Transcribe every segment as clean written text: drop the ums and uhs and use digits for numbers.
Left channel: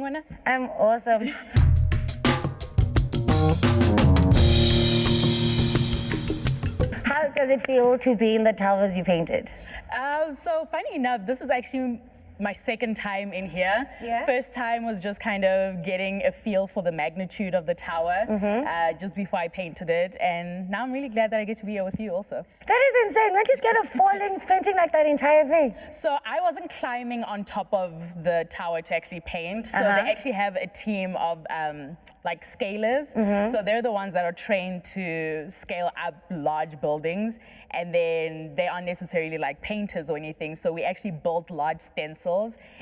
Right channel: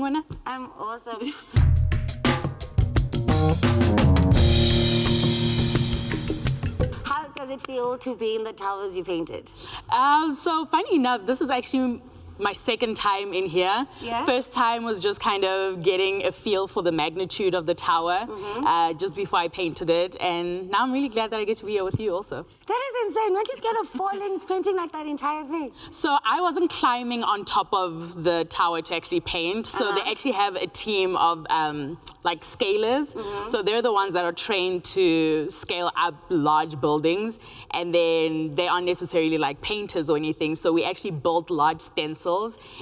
Wena? I'm awesome. How does it feel to be in the towers you painted? So funny enough, this is actually my second time in here. Yeah? First time was just kind of getting a feel for the magnitude of the tower just before I painted it. And now I'm really glad that I get to be here with you also. That is insane. Weren't you scared of falling, painting like that entire thing? So I wasn't climbing on top of the tower to actually paint. So they actually have a team of like scalers. So they're the ones that are trained to scale up large buildings. And then they aren't necessarily like painters or anything. So we actually built large stencils.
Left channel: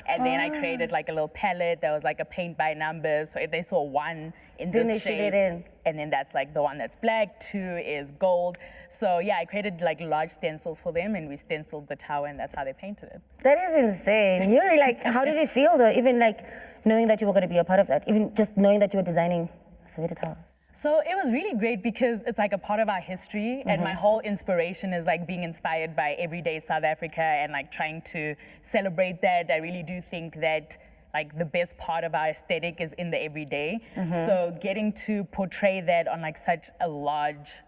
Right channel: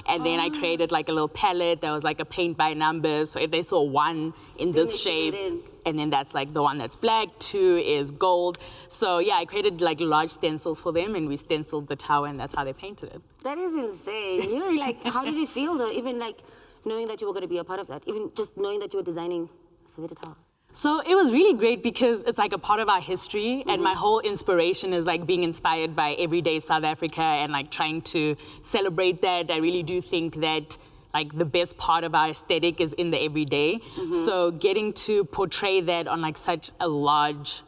And then I created like a little palette that was like a paint by numbers. So if they saw one in Then this they shape, fit it in. and then that's like the one that's black, 2 is gold. So yeah, I created like large stencils for them and we stenciled the tower and that's how they painted it. That is insane. You're like, how did you feel though? Even like knowing that you were going to be a part of that, even just knowing that you were designing Soweto Towers. So it was really great because it's like a part of our history and my whole inspiration is like being inspired by everyday South Africa and like trying to celebrate that. I really do think that like the best part of our aesthetic is in the everyday. So getting to portray that on like such a large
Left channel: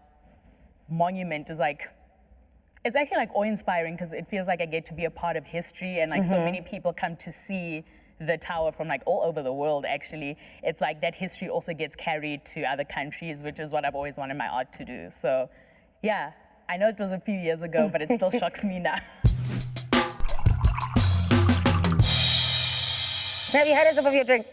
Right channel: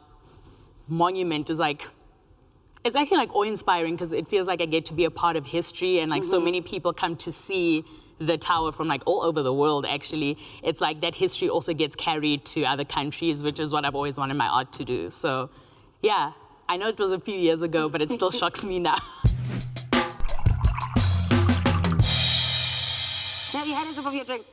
monument is like, it's actually like awe-inspiring because it feels like I get to be a part of history and like so many people come to see the tower from like all over the world actually. It's like that history also gets carried to other countries, which is what I've always wanted my art to do. So yeah, I know it was a few years ago, but it still shocks me now. Have you had a sip of your drink?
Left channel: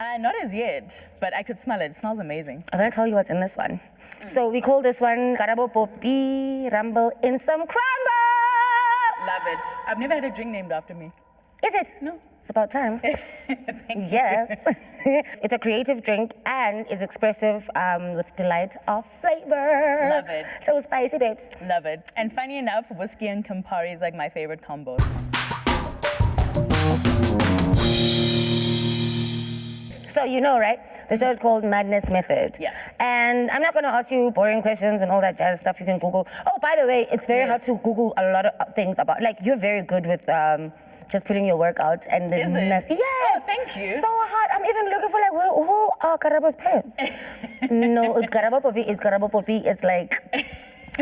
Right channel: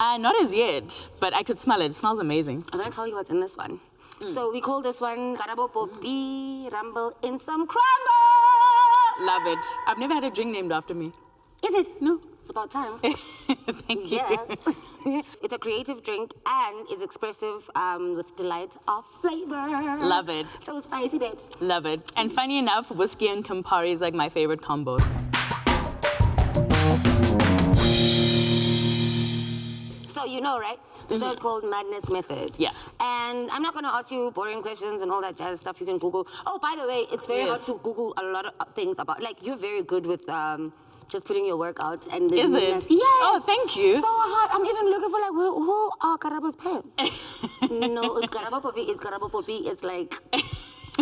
Not as yet, but I could smell it. It smells amazing. I'm gonna tell you what's in this one. So we call this one Karabo Poppy Rumble in some crumble. Love it. I've never had a drink named after me. Is it? No. It's about time. Thank you. Yes. It's a creative drink and is expressive with delight of flavor. Love it. So spicy, babes. Love it. And funny enough, whiskey and Campari is like my favorite combo. So you know, right? The show is called Madness Method. Yeah. And I'm not going to ask you boring questions and all that jazz stuff you can Google. Oh, by the way, it's very hard to Google a lot of things about, like, you're very good with just putting your work out. And Is it? Yes. Oh, thank you. So hard. I'm even looking for, like, who are Karabo's parents? No, it's Karabo Poppy. It's Karabo Poppy. It's like,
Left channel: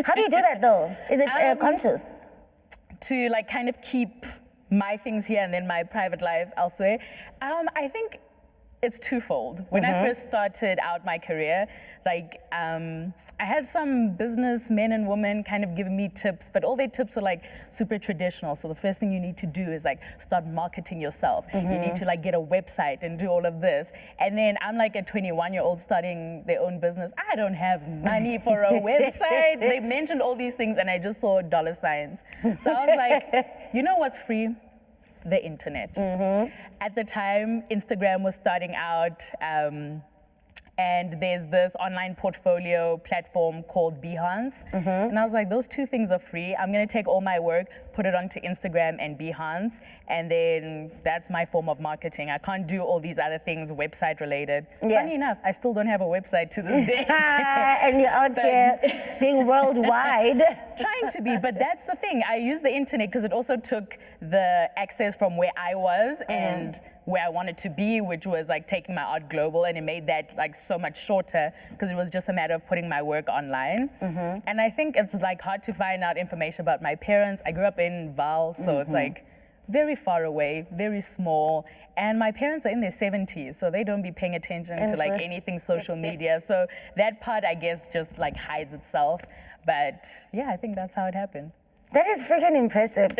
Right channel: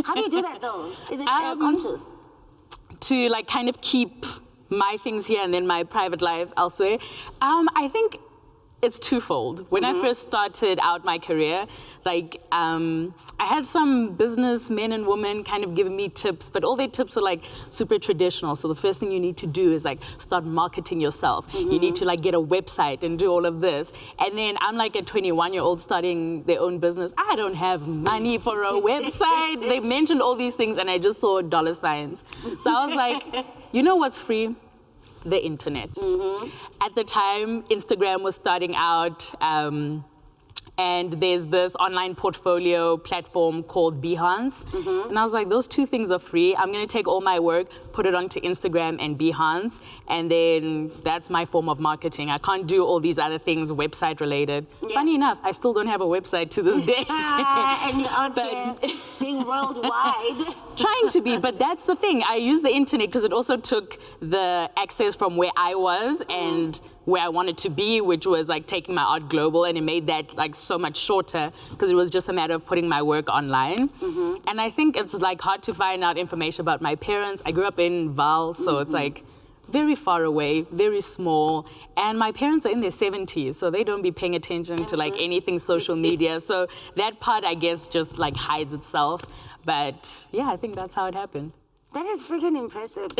how do you do that, though? Is it conscious? To, like, kind of keep my things here and then my private life elsewhere. I think it's twofold. When I first started out my career, like I had some businessmen and women kind of giving me tips, but all their tips were like super traditional. So the first thing you need to do is like start marketing yourself. You need to like get a website and do all of this. And then I'm like a 21-year-old starting their own business. I don't have money for a website. They mentioned all these things and I just saw dollar signs. So I was like, you know what's free? The internet. At the time, Instagram was starting out, and there's this online portfolio platform called Behance. And I was like, those two things are free. I'm gonna take all my work, put it onto Instagram and Behance, and then that's my form of marketing. I can't do all these other things website related. Funny enough, I still don't have a website to this day. And you're out here being worldwide. Trying to be, but that's the thing. I use the internet because it also took the access from where I was and where I wanted to be, which was like taking my art global, and it made that like so much shorter because it was just a matter of putting my work online. And I think it's like hard to find out information about my parents. I grew up in Vaal, so it's like very far away, very small, and my parents are in their 70s, so they don't be paying attention to like anything social media. So that part, I guess, just like hides itself. But yeah, I think that's how it happened. That is freaking impressive.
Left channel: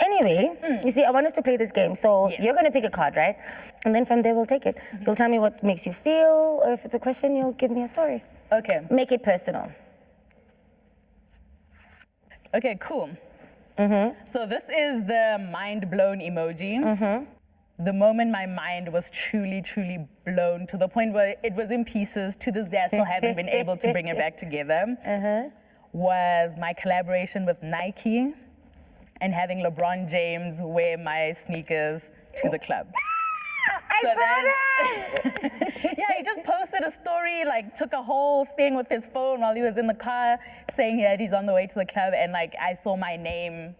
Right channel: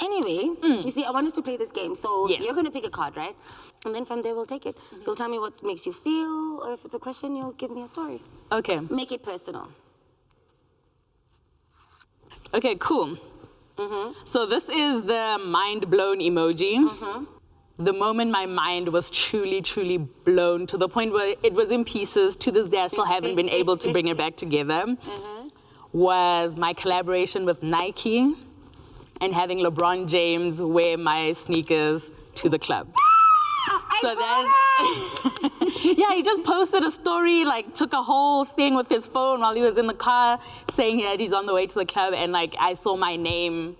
Anyway, you see, I want us to play this game. So you're going to pick a card, right? And then from there, we'll take it. You'll tell me what makes you feel, or if it's a question, you'll give me a story. Okay. Make it personal. Okay, cool. So this is the mind blown emoji. The moment my mind was truly, truly blown to the point where it was in pieces, to this day I still haven't been able to bring it back together, was my collaboration with Nike and having LeBron James wear my sneakers to the club. So that's, yeah, he just posted a story, like took a whole thing with his phone while he was in the car saying that he's on the way to the club, and like I saw my name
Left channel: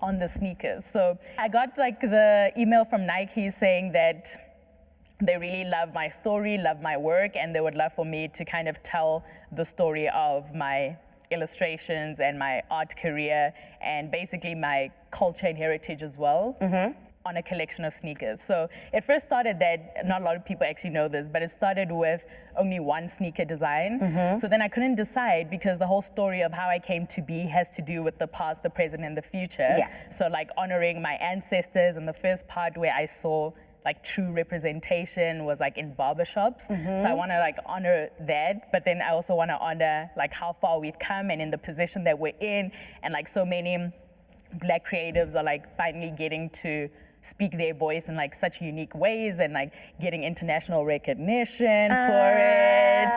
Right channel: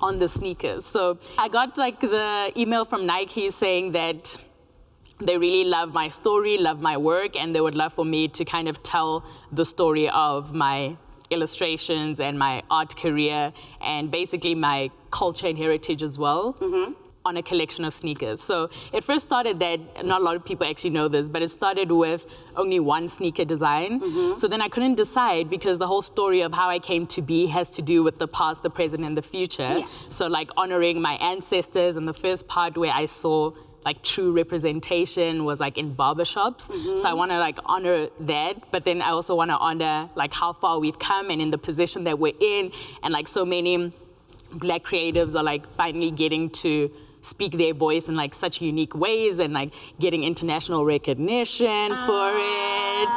on the sneakers. So I got like the email from Nike saying that they really love my story, love my work, and they would love for me to kind of tell the story of my illustrations and my art career and basically my culture and heritage as well. On a collection of sneakers. So it first started that, not a lot of people actually know this, but it started with only one sneaker design. So then I couldn't decide because the whole story of how I came to be has to do with the past, the present, and the future. Yeah. So like honoring my ancestors, and the first part where I saw like true representation was like in barbershops. So I want to like honor that, but then I also want to honor like how far we've come and in the position that we're in, and like so many Black creatives are like finally getting to speak their voice in like such unique ways and like getting international recognition for it,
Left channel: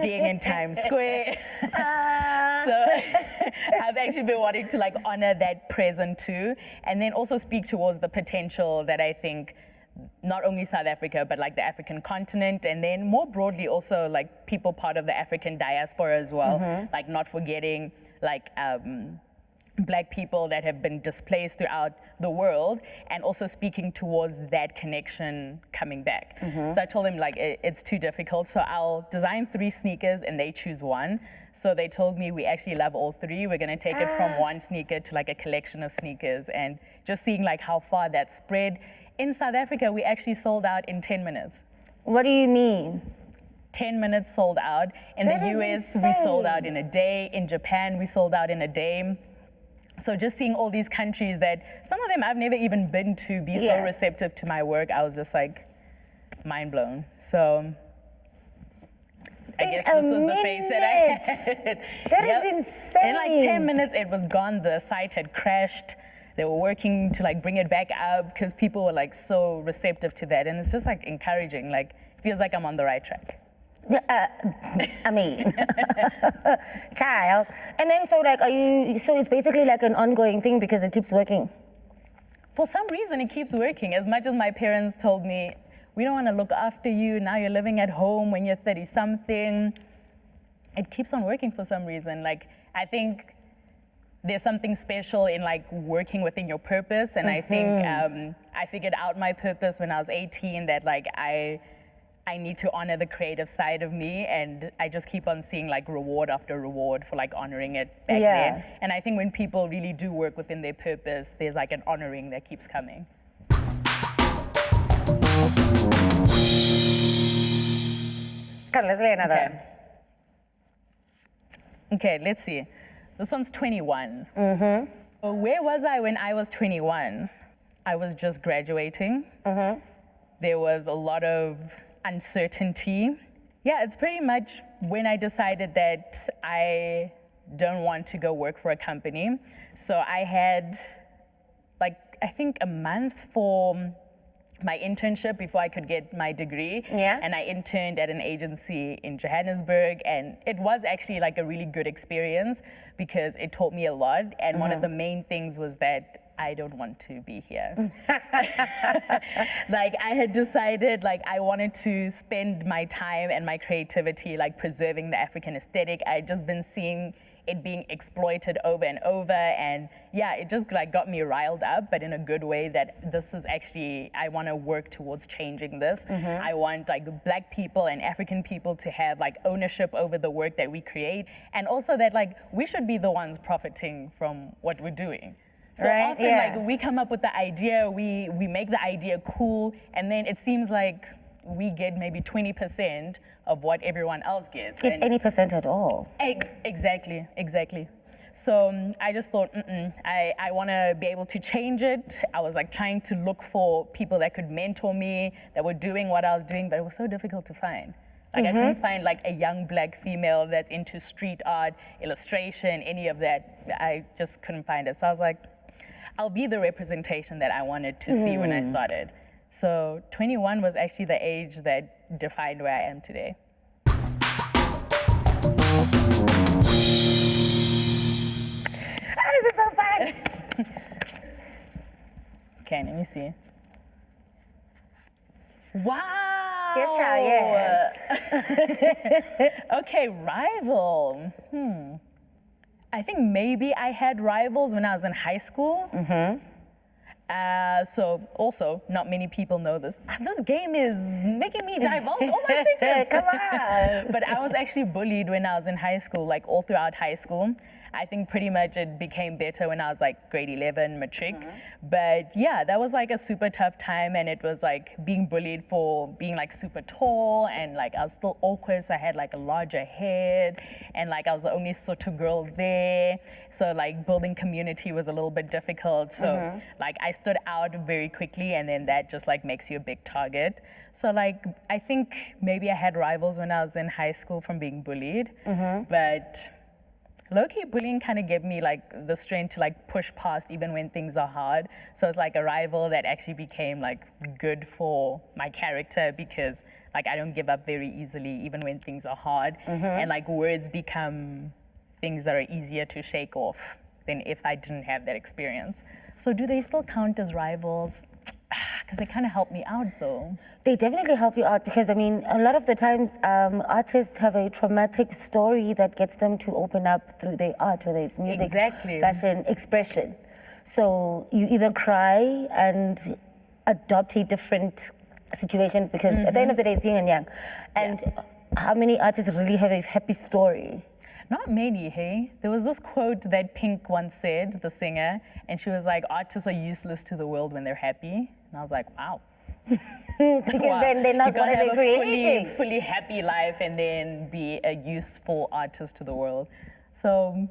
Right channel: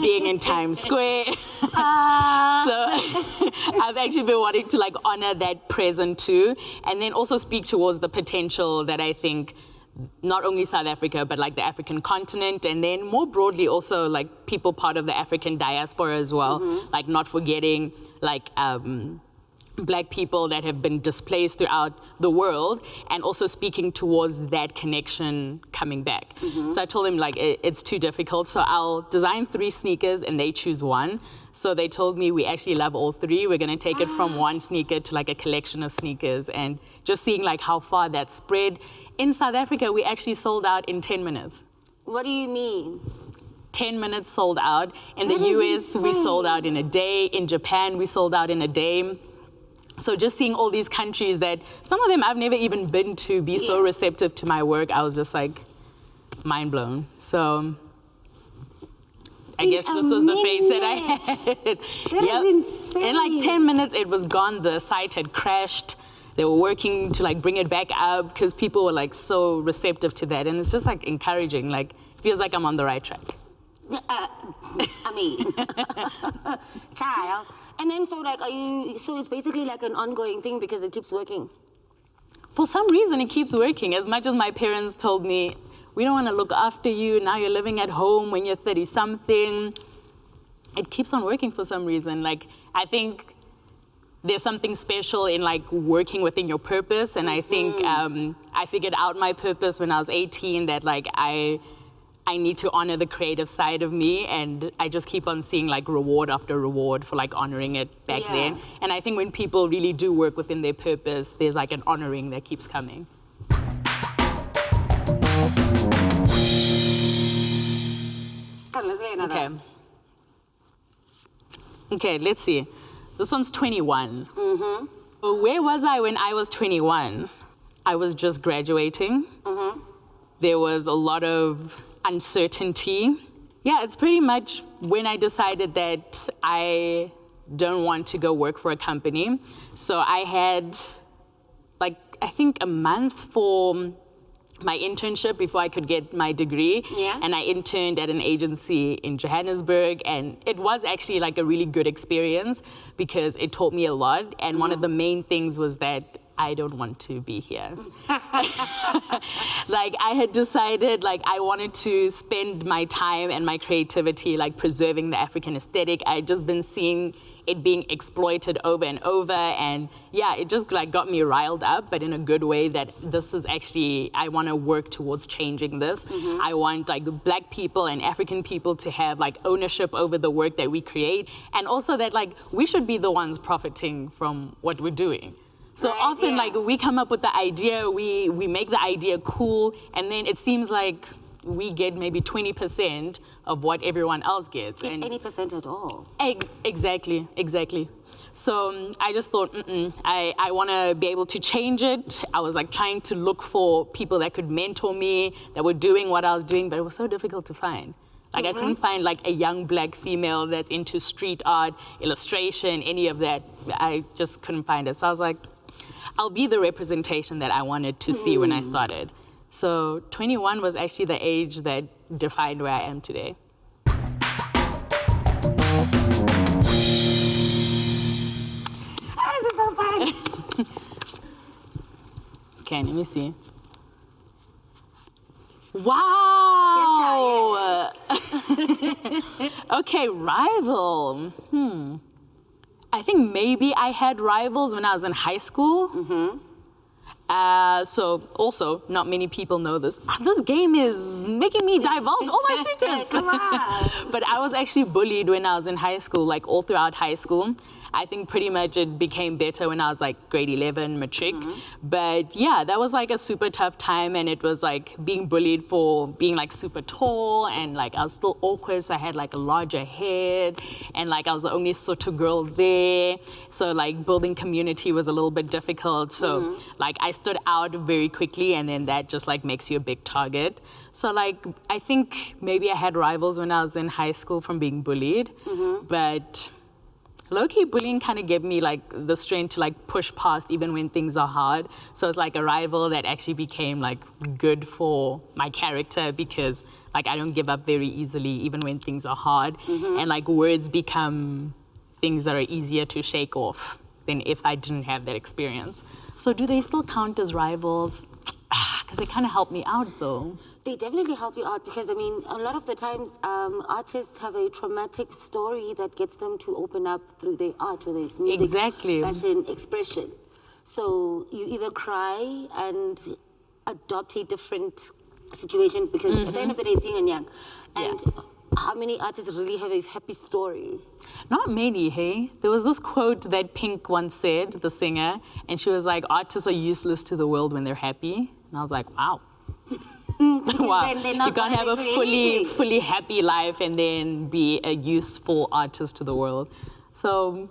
being in Times Square. So I've actually been wanting to like honor that present too, and then also speak towards the potential that I think not only South Africa, but like the African continent, and then more broadly also like people part of the African diaspora as well, like not forgetting like Black people that have been displaced throughout the world, and also speaking towards that connection coming back. So I told them like it's too difficult, so I'll design 3 sneakers and they choose one. So they told me we actually love all 3. We're gonna take it from one sneaker to like a collection of sneakers, and just seeing like how far that spread. In South Africa, we actually sold out in 10 minutes. What do you mean? 10 minutes sold out. In the US, we sold out in a day. In Japan, we sold out in a day. So just seeing all these countries that some of them I've never even been to be so receptive to my work, I was just like mind blown. So I guess this was the phase that I had. That is insane. In like 10 minutes, it was gone. The site had crashed. They were working to like bring it back up because people were like so receptive to that. And it's just like encouraging, like feels like I'm on the right track. I mean, child. And then so like, so it's basically like an ongoing thing because it keeps working. For some reason, it keeps working. As much as my parents told me, we don't want to look after you, now you're living at home when you're 30-something. It keeps on working for some reason. Like, I think there's something special in like working within your purpose. And I think I figured out my purpose when I was 18, that like I need to honor the creative side of me, and I just keep on seeing like reward after reward for like honoring it back then. And I think when people really do work within their purpose, there's like an honoring that keeps coming. Let's play another. Okay, let's see. This one's 21. So where was I when I was 21? I was just graduating. There was a lot of uncertainty. Yeah, it's pretty much when I decided that I don't want to go work for a company. So I had like, I think a month for my internship before I could get my degree. And I interned at an agency in Johannesburg, and it was actually like a really good experience because it taught me a lot. And one of the main things was that I don't want to be here. Like I had decided like I wanted to spend my time and my creativity like preserving the African aesthetic. I'd just been seeing it being exploited over and over, and yeah, it just like got me riled up, but in a good way, that this is actually, I want to work towards changing this. I want like Black people and African people to have like ownership over the work that we create, and also that like we should be the ones profiting from what we're doing. So often like we come up with the idea, we make the idea cool, and then it seems like we get maybe 20% of what everyone else gets. If any percent at all. Exactly. So I just thought, I want to be able to change it. I was like trying to look for people that could mentor me, that were doing what I was doing, but it was so difficult to find. Like I couldn't find like a young Black female that's into street art, illustration, any of that. I just couldn't find it. So I was like, I'll be the representation that I wanted to see when I started. So 21 was actually the age that defined where I am today. Oh, this is so fun. Okay, let me see. Wow. Yes, child, yes. Okay, rival. I think maybe I had rivals when I was in high school. So also, not many people know this. This game is making me divulge all my secrets. Come on. But I was actually bullied when I was in high school, like all throughout high school. I think pretty much it became better when I was like grade 11, matric. But yeah, that was like a super tough time, and it was like being bullied for being like super tall, and like I was still awkward, so I had like a larger head, and like I was the only Soto girl there. So like building community was a little bit difficult. So like I stood out very quickly, and then that just like makes you a big target. So like I think maybe I had rivals when I was in high school from being bullied, but low-key bullying kind of gave me like the strength to like push past even when things are hard. So it's like a rival that actually became like good for my character, because like I don't give up very easily even when things are hard. And like words become things that are easier to shake off than if I didn't have that experience. So do they still count as rivals? Because they kind of help me out though. They definitely help you out, because I mean, a lot of the times artists have a traumatic story that gets them to open up through their art, whether it's music, fashion, expression. So you either cry and adopt a different situation, because at the end of the day, it's yin and yang. And how many artists really have a happy story? Not many, hey? There was this quote that Pink once said, the singer, and she was like, artists are useless to the world when they're happy. And I was like, wow. Wow. They're not you can't have creating. a fully happy life and then be a useful artist to the world. So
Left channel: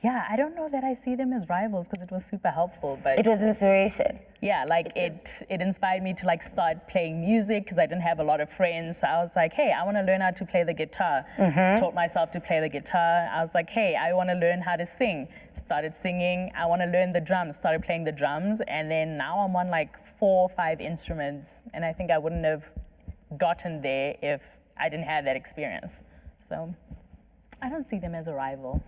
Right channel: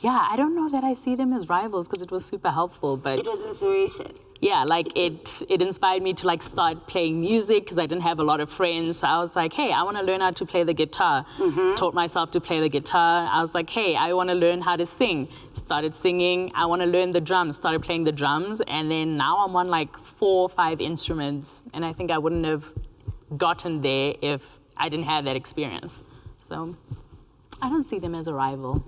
yeah, I don't know that I see them as rivals, because it was super helpful, but it was inspiration. yeah, like it inspired me to like start playing music, because I didn't have a lot of friends. So I was like, hey, I want to learn how to play the guitar. Taught myself to play the guitar. I was like, hey, I want to learn how to sing. Started singing. I want to learn the drums. Started playing the drums. And then now I'm on like 4 or 5 instruments. And I think I wouldn't have gotten there if I didn't have that experience. So I don't see them as a rival.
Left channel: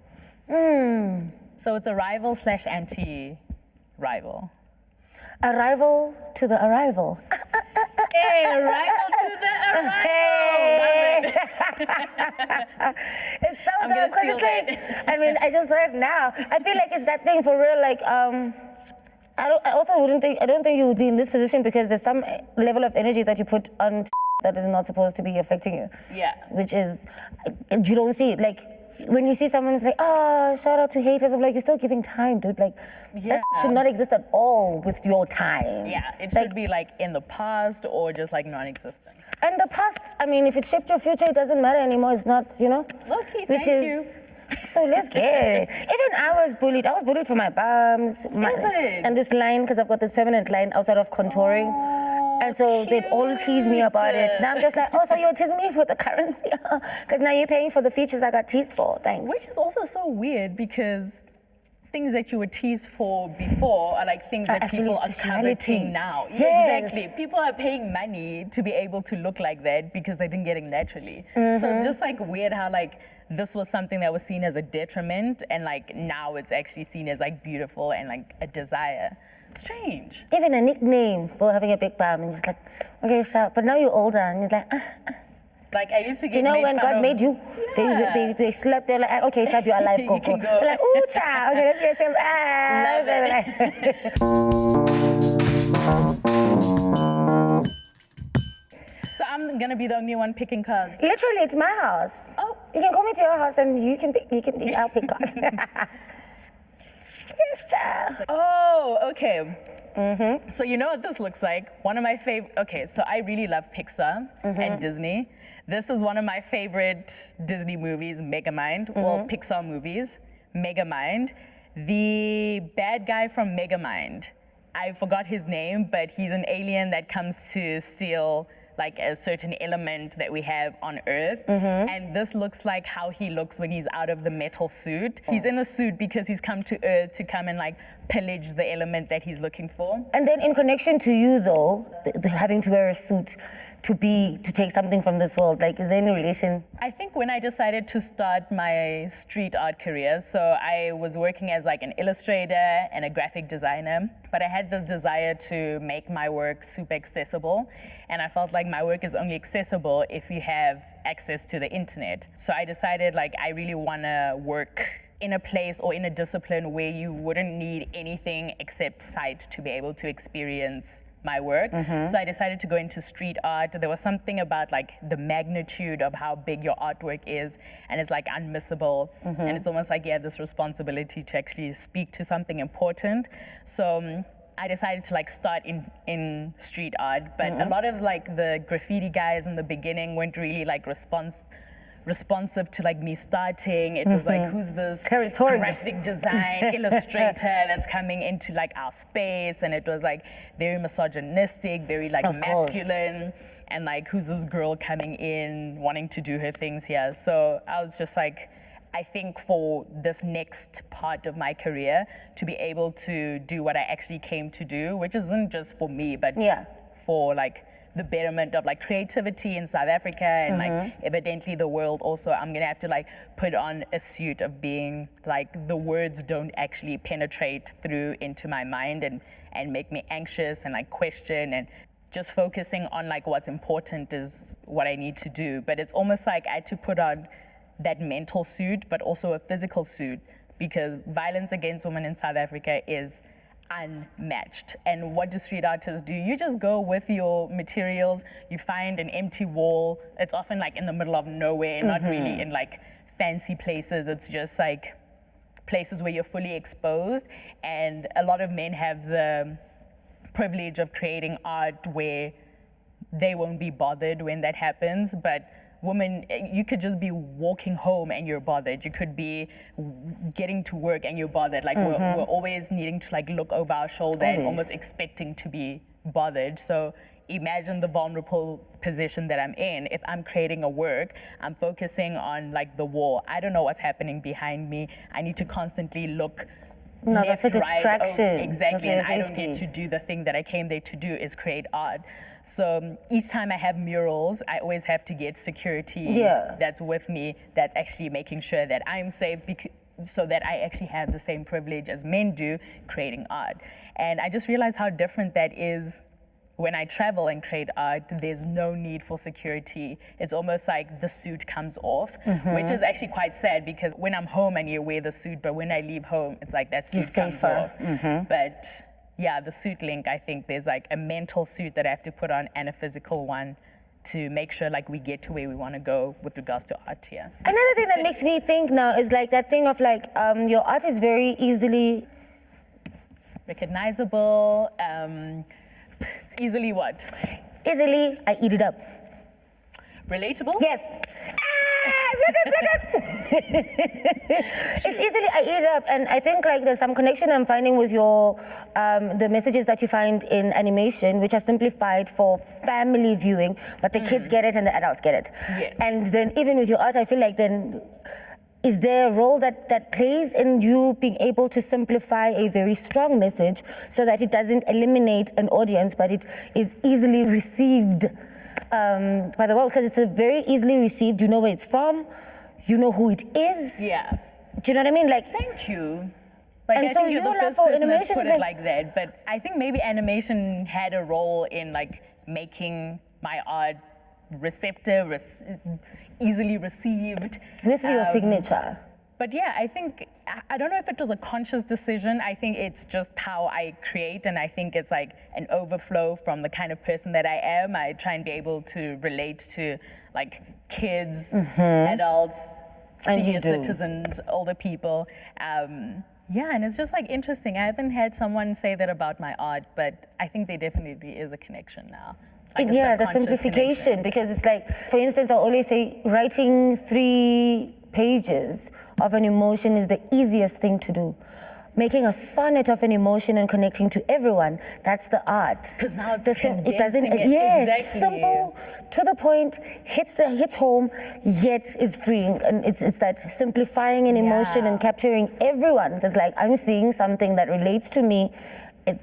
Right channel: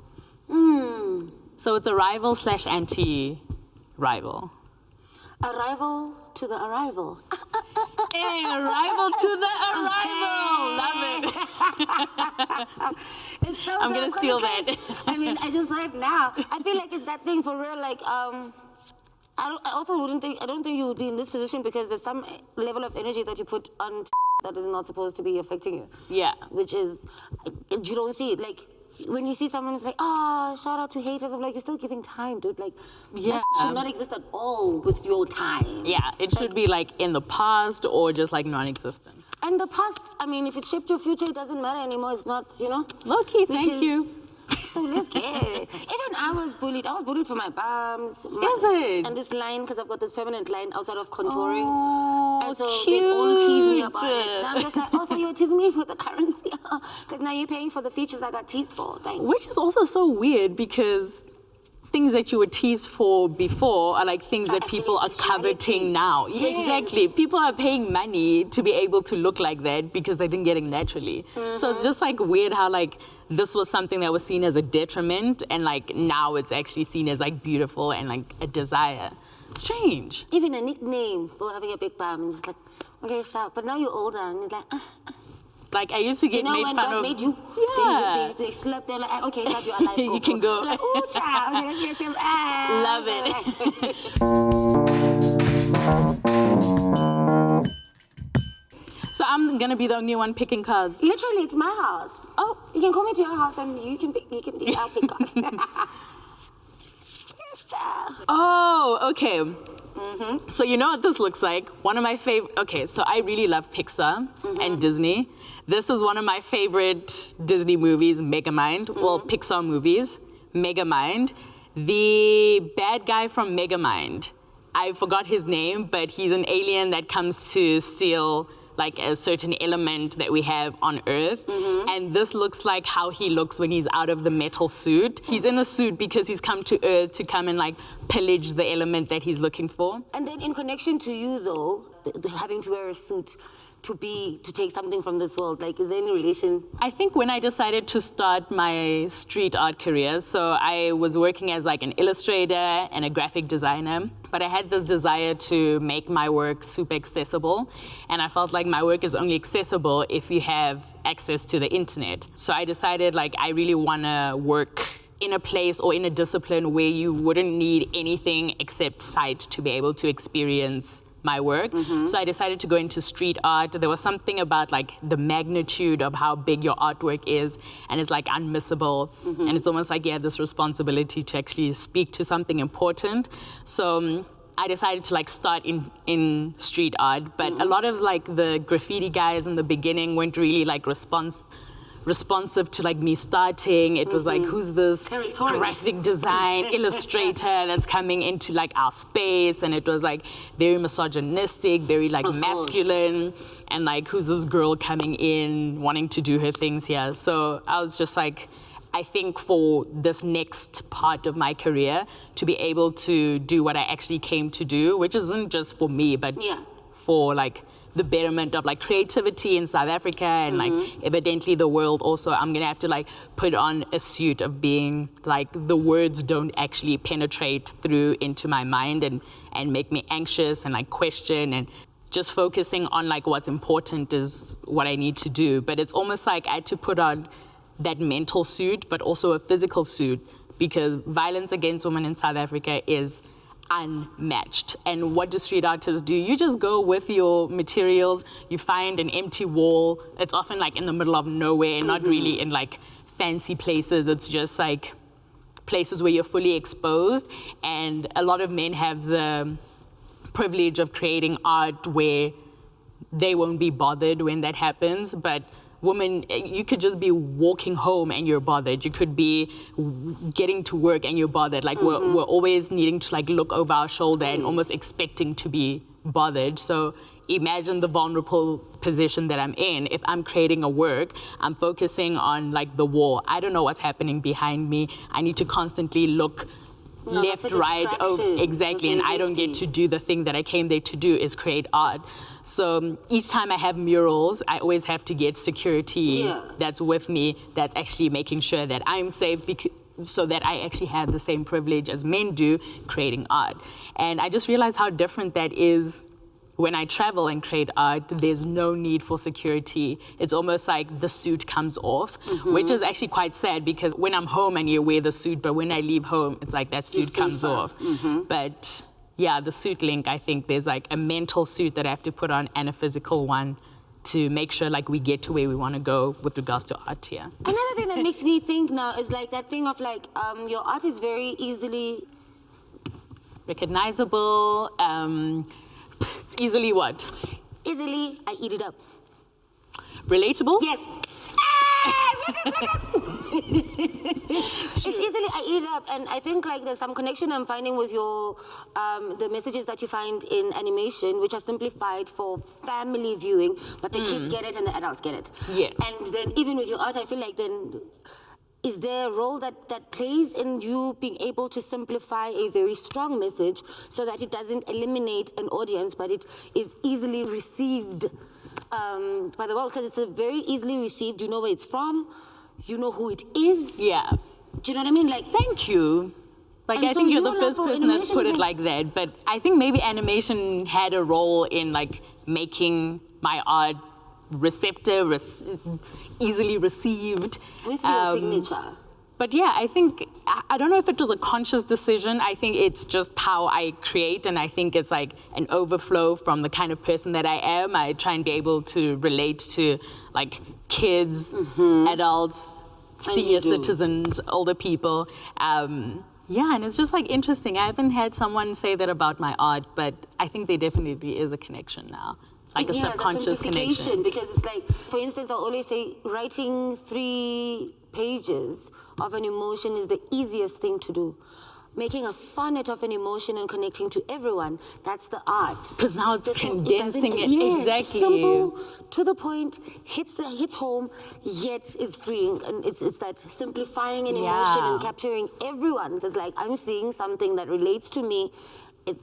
So it's a rival / anti-rival. A rival to the arrival. Hey, a rival to the arrival. Love it. It's so I'm dope, gonna 'cause steal it's like, that. I mean, I just saw it now. I feel like it's that thing for real. Like, I don't think you would be in this position, because there's some level of energy that you put on that is not supposed to be affecting you. Yeah. Which is, you don't see it. Like, when you see someone who's like, oh, shout out to haters, I'm like, you're still giving time, dude. Like, that should not exist at all with your time. Yeah, it should be like in the past or just like non-existent. And the past, I mean, if it shaped your future, it doesn't matter anymore. It's not, you know? Low-key, thank you. So let's get it. Even I was bullied. I was bullied for my bums. And this line, because I've got this permanent line outside of contouring. Oh, and so they'd all tease me about it. Now I'm just like, oh, so you're teasing me for the currency? Because now you're paying for the features I got teased for. Thanks. Which is also so weird, because things that you were teased for before are like things that people are coveting now. Yes. Yeah, exactly. People are paying money to be able to look like that because they didn't get it naturally. So it's just like weird how like this was something that was seen as a detriment, and like now it's actually seen as like beautiful and like a desire. Strange. Even a nickname for having a big bum, and just like, okay, shout. But now you're older, and you're like, Like I used to get you know made when fun God of, made you, they slept, they're like, okay, stop, you're alive, go. You can go. They're like, ooh, child, okay, let's get some, Love it. So I'm gonna be the only one picking cards. Literally, it's my house. Oh. You can call me to your house and I'll pick cards. Yes, child. Oh, okay. So you know what this looks like? One of my favorite, okay, so I really love Pixar and Disney. This is one of my favorite Disney movies, Megamind. Well, Pixar movies, Megamind. The bad guy from Megamind, I forgot his name, but he's an alien that comes to steal like a certain element that we have on Earth. And this looks like how he looks when he's out of the metal suit. He's in a suit because he's come to Earth to come and like pillage the element that he's looking for. And then in connection to you though, having to wear a suit to take something from this world, like is there any relation? I think when I decided to start my street art career, so I was working as like an illustrator and a graphic designer, but I had this desire to make my work super accessible, and I felt like my work is only accessible if you have access to the internet. So I decided like I really want to work in a place or in a discipline where you wouldn't need anything except sight to be able to experience my work. So I decided to go into street art. There was something about like the magnitude of how big your artwork is, and it's like unmissable. And it's almost like you have this responsibility to actually speak to something important. So I decided to like start in street art, but a lot of like the graffiti guys in the beginning weren't really like responsive to like me starting. It was like, who's this graphic design illustrator that's coming into like our space? And it was like very misogynistic, very like masculine, and like, who's this girl coming in wanting to do her things here? So I was just like, I think for this next part of my career, to be able to do what I actually came to do, which isn't just for me, but for like the betterment of like creativity in South Africa and like evidently the world also, I'm gonna have to like put on a suit of being like, the words don't actually penetrate through into my mind and make me anxious and like question, and just focusing on like what's important is what I need to do. But it's almost like I had to put on that mental suit, but also a physical suit, because violence against women in South Africa is unmatched. And what do street artists do? You just go with your materials, you find an empty wall. It's often like in the middle of nowhere, not really in like fancy places. It's just like places where you're fully exposed. And a lot of men have the privilege of creating art where they won't be bothered when that happens. But women, you could just be walking home and you're bothered. You could be getting to work and you're bothered. Like we're always needing to like look over our shoulder and almost expecting to be bothered. So imagine the vulnerable position that I'm in. If I'm creating a work, I'm focusing on like the wall. I don't know what's happening behind me. I need to constantly look left, right. Exactly, and I don't get to do the thing that I came there to do, is create art. So each time I have murals, I always have to get security that's with me, that's actually making sure that I'm safe, so that I actually have the same privilege as men do creating art. And I just realized how different that is. When I travel and create art, there's no need for security. It's almost like the suit comes off, which is actually quite sad, because when I'm home and you wear the suit, but when I leave home, it's like that suit comes off. But yeah, the suit link, I think there's like a mental suit that I have to put on and a physical one to make sure like we get to where we want to go with regards to art here. Another thing that makes me think now is like that thing of like, your art is very easily recognizable. Easily what? Easily, I eat it up. Relatable? Yes. It's easily, I eat it up. And I think like there's some connection I'm finding with your, the messages that you find in animation, which are simplified for family viewing, but the kids get it and the adults get it. Yes. And then even with your art, I feel like then, is there a role that plays in you being able to simplify a very strong message so that it doesn't eliminate an audience, but it is easily received by the world? Because it's a very easily received, you know where it's from, you know who it is. Yeah. Do you know what I mean? Like, thank you. Like, I so think you're the first person that's put it like that, but I think maybe animation had a role in like making my art receptive, easily received. With your signature. But yeah, I think, I don't know if it was a conscious decision. I think it's just how I create, and I think it's like an overflow from the kind of person that I am. I try and be able to relate to like kids, adults, senior citizens, older people. Yeah, and it's just like interesting. I haven't had someone say that about my art, but I think there definitely is a connection now. Like yeah, the simplification, because it's like, for instance, I'll always say writing 3 pages of an emotion is the easiest thing to do. Making a sonnet of an emotion and connecting to everyone, that's the art. Because now it's condensing it. Yes, exactly. Simple, to the point, hits home, yet is freeing. And it's that simplifying an emotion and capturing everyone. It's like, I'm seeing something that relates to me,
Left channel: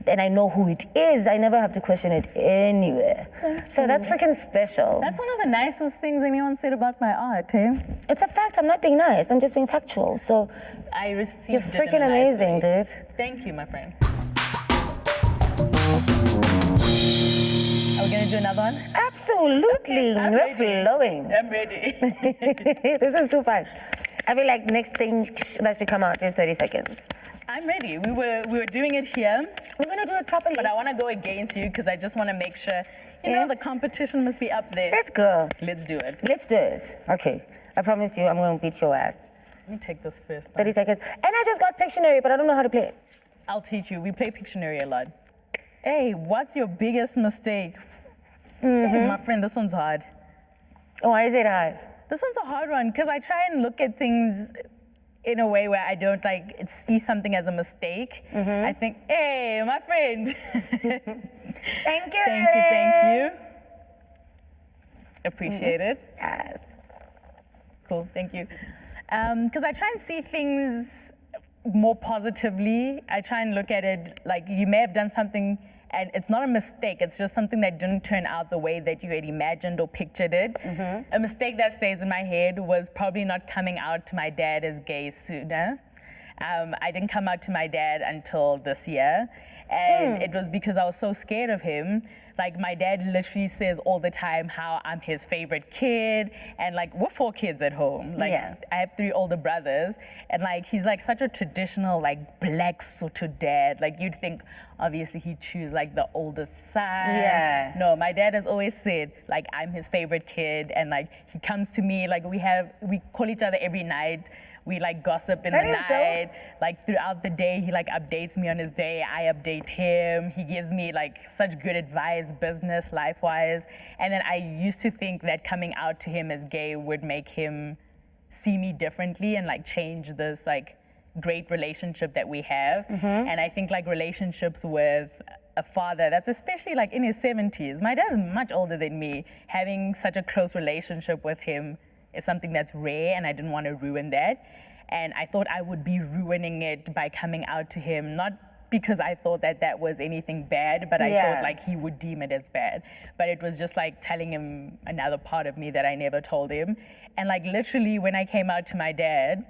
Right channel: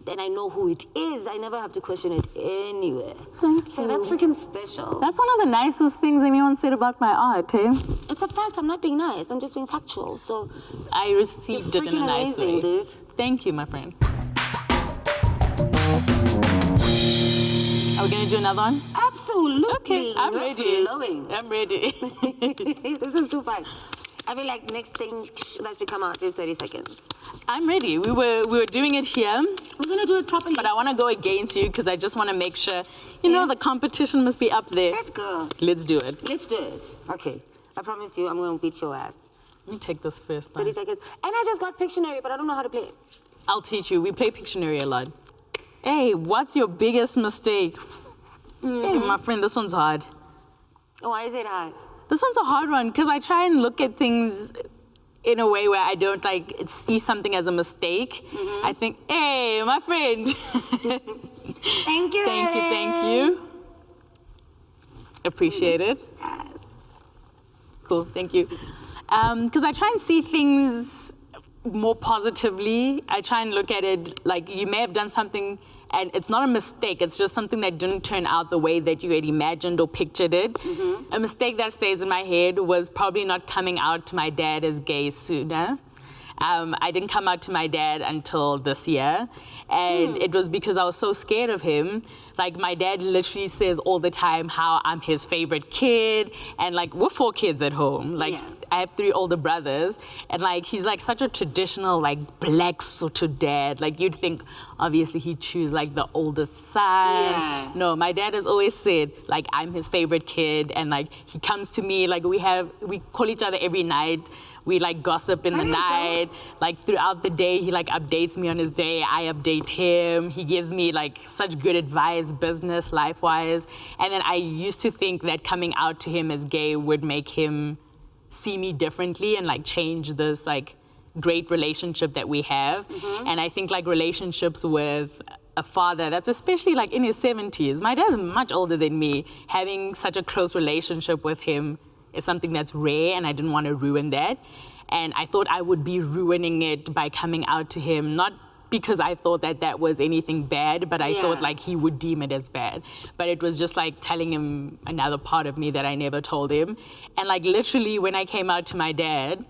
and I know who it is. I never have to question it anywhere. So that's freaking special. That's one of the nicest things anyone said about my art, hey? It's a fact. I'm not being nice. I'm just being factual. So I received you're it freaking in a nice amazing, way. dude. Thank you, my friend. Are we gonna do another one? Absolutely. Okay, I'm ready. Flowing. I'm ready. This is too fun. I feel like next thing that should come out is 30 seconds. I'm ready. We were doing it here. We're gonna do it properly. But I want to go against you because I just want to make sure, you know, the competition must be up there. Let's go. Let's do it. Let's do it. Okay. I promise you, I'm gonna beat your ass. Let me take this first. 30 seconds. And I just got Pictionary, but I don't know how to play it. I'll teach you. We play Pictionary a lot. Hey, what's your biggest mistake? Hey, my friend, this one's hard. Oh, why is it hard? This one's a hard one because I try and look at things in a way where I don't like see something as a mistake. I think, hey, my friend. Thank you. Thank you. Appreciate it. Yes. Cool, thank you. Because I try and see things more positively. I try and look at it like you may have done something and it's not a mistake, it's just something that didn't turn out the way that you had imagined or pictured it. A mistake that stays in my head was probably not coming out to my dad as gay sooner. I didn't come out to my dad until this year, and it was because I was so scared of him. Like, my dad literally says all the time how I'm his favorite kid, and like, we're 4 kids at home. Like, I have 3 older brothers, and like, he's like such a traditional, like, black Sotho dad. Like, you'd think, obviously, he'd choose like the oldest son. No, my dad has always said, like, I'm his favorite kid, and like, he comes to me, like, we call each other every night. We like gossip in the night, like throughout the day, he like updates me on his day, I update him. He gives me like such good advice, business, life-wise. And then I used to think that coming out to him as gay would make him see me differently and like change this like great relationship that we have. And I think like relationships with a father that's especially like in his 70s, my dad's much older than me, having such a close relationship with him is something that's rare, and I didn't want to ruin that. And I thought I would be ruining it by coming out to him, not because I thought that that was anything bad, but I thought like he would deem it as bad. But it was just like telling him another part of me that I never told him. And like literally when I came out to my dad,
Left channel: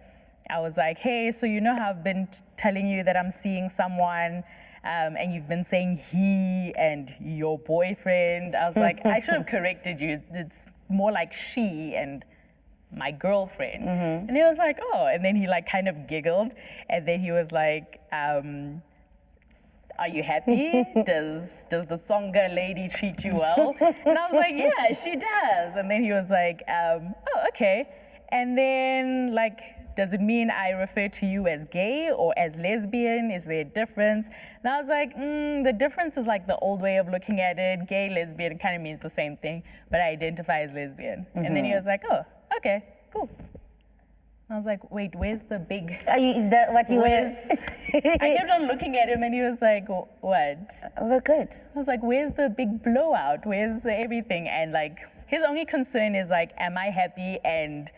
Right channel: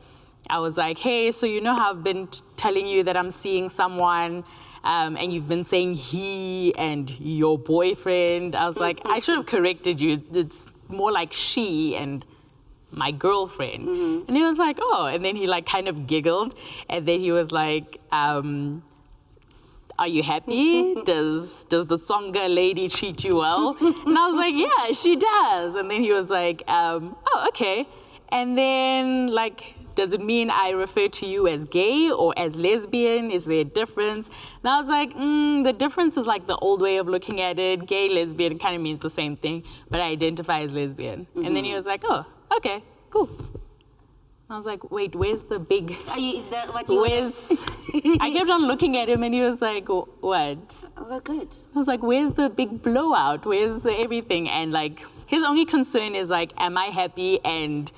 I was like, hey, so you know how I've been telling you that I'm seeing someone, and you've been saying he and your boyfriend. I was like, I should have corrected you. It's more like she and my girlfriend. And he was like, oh, and then he like kind of giggled, and then he was like, are you happy? Does the Tsonga lady treat you well? And I was like, yeah, she does. And then he was like, oh, okay. And then like, does it mean I refer to you as gay or as lesbian? Is there a difference? And I was like, the difference is like the old way of looking at it. Gay, lesbian kind of means the same thing, but I identify as lesbian. And then he was like, oh, okay, cool. I was like, wait, where's the big... I kept on looking at him and he was like, what? We're good. I was like, where's the big blowout? Where's the everything? And like, his only concern is like, am I happy? And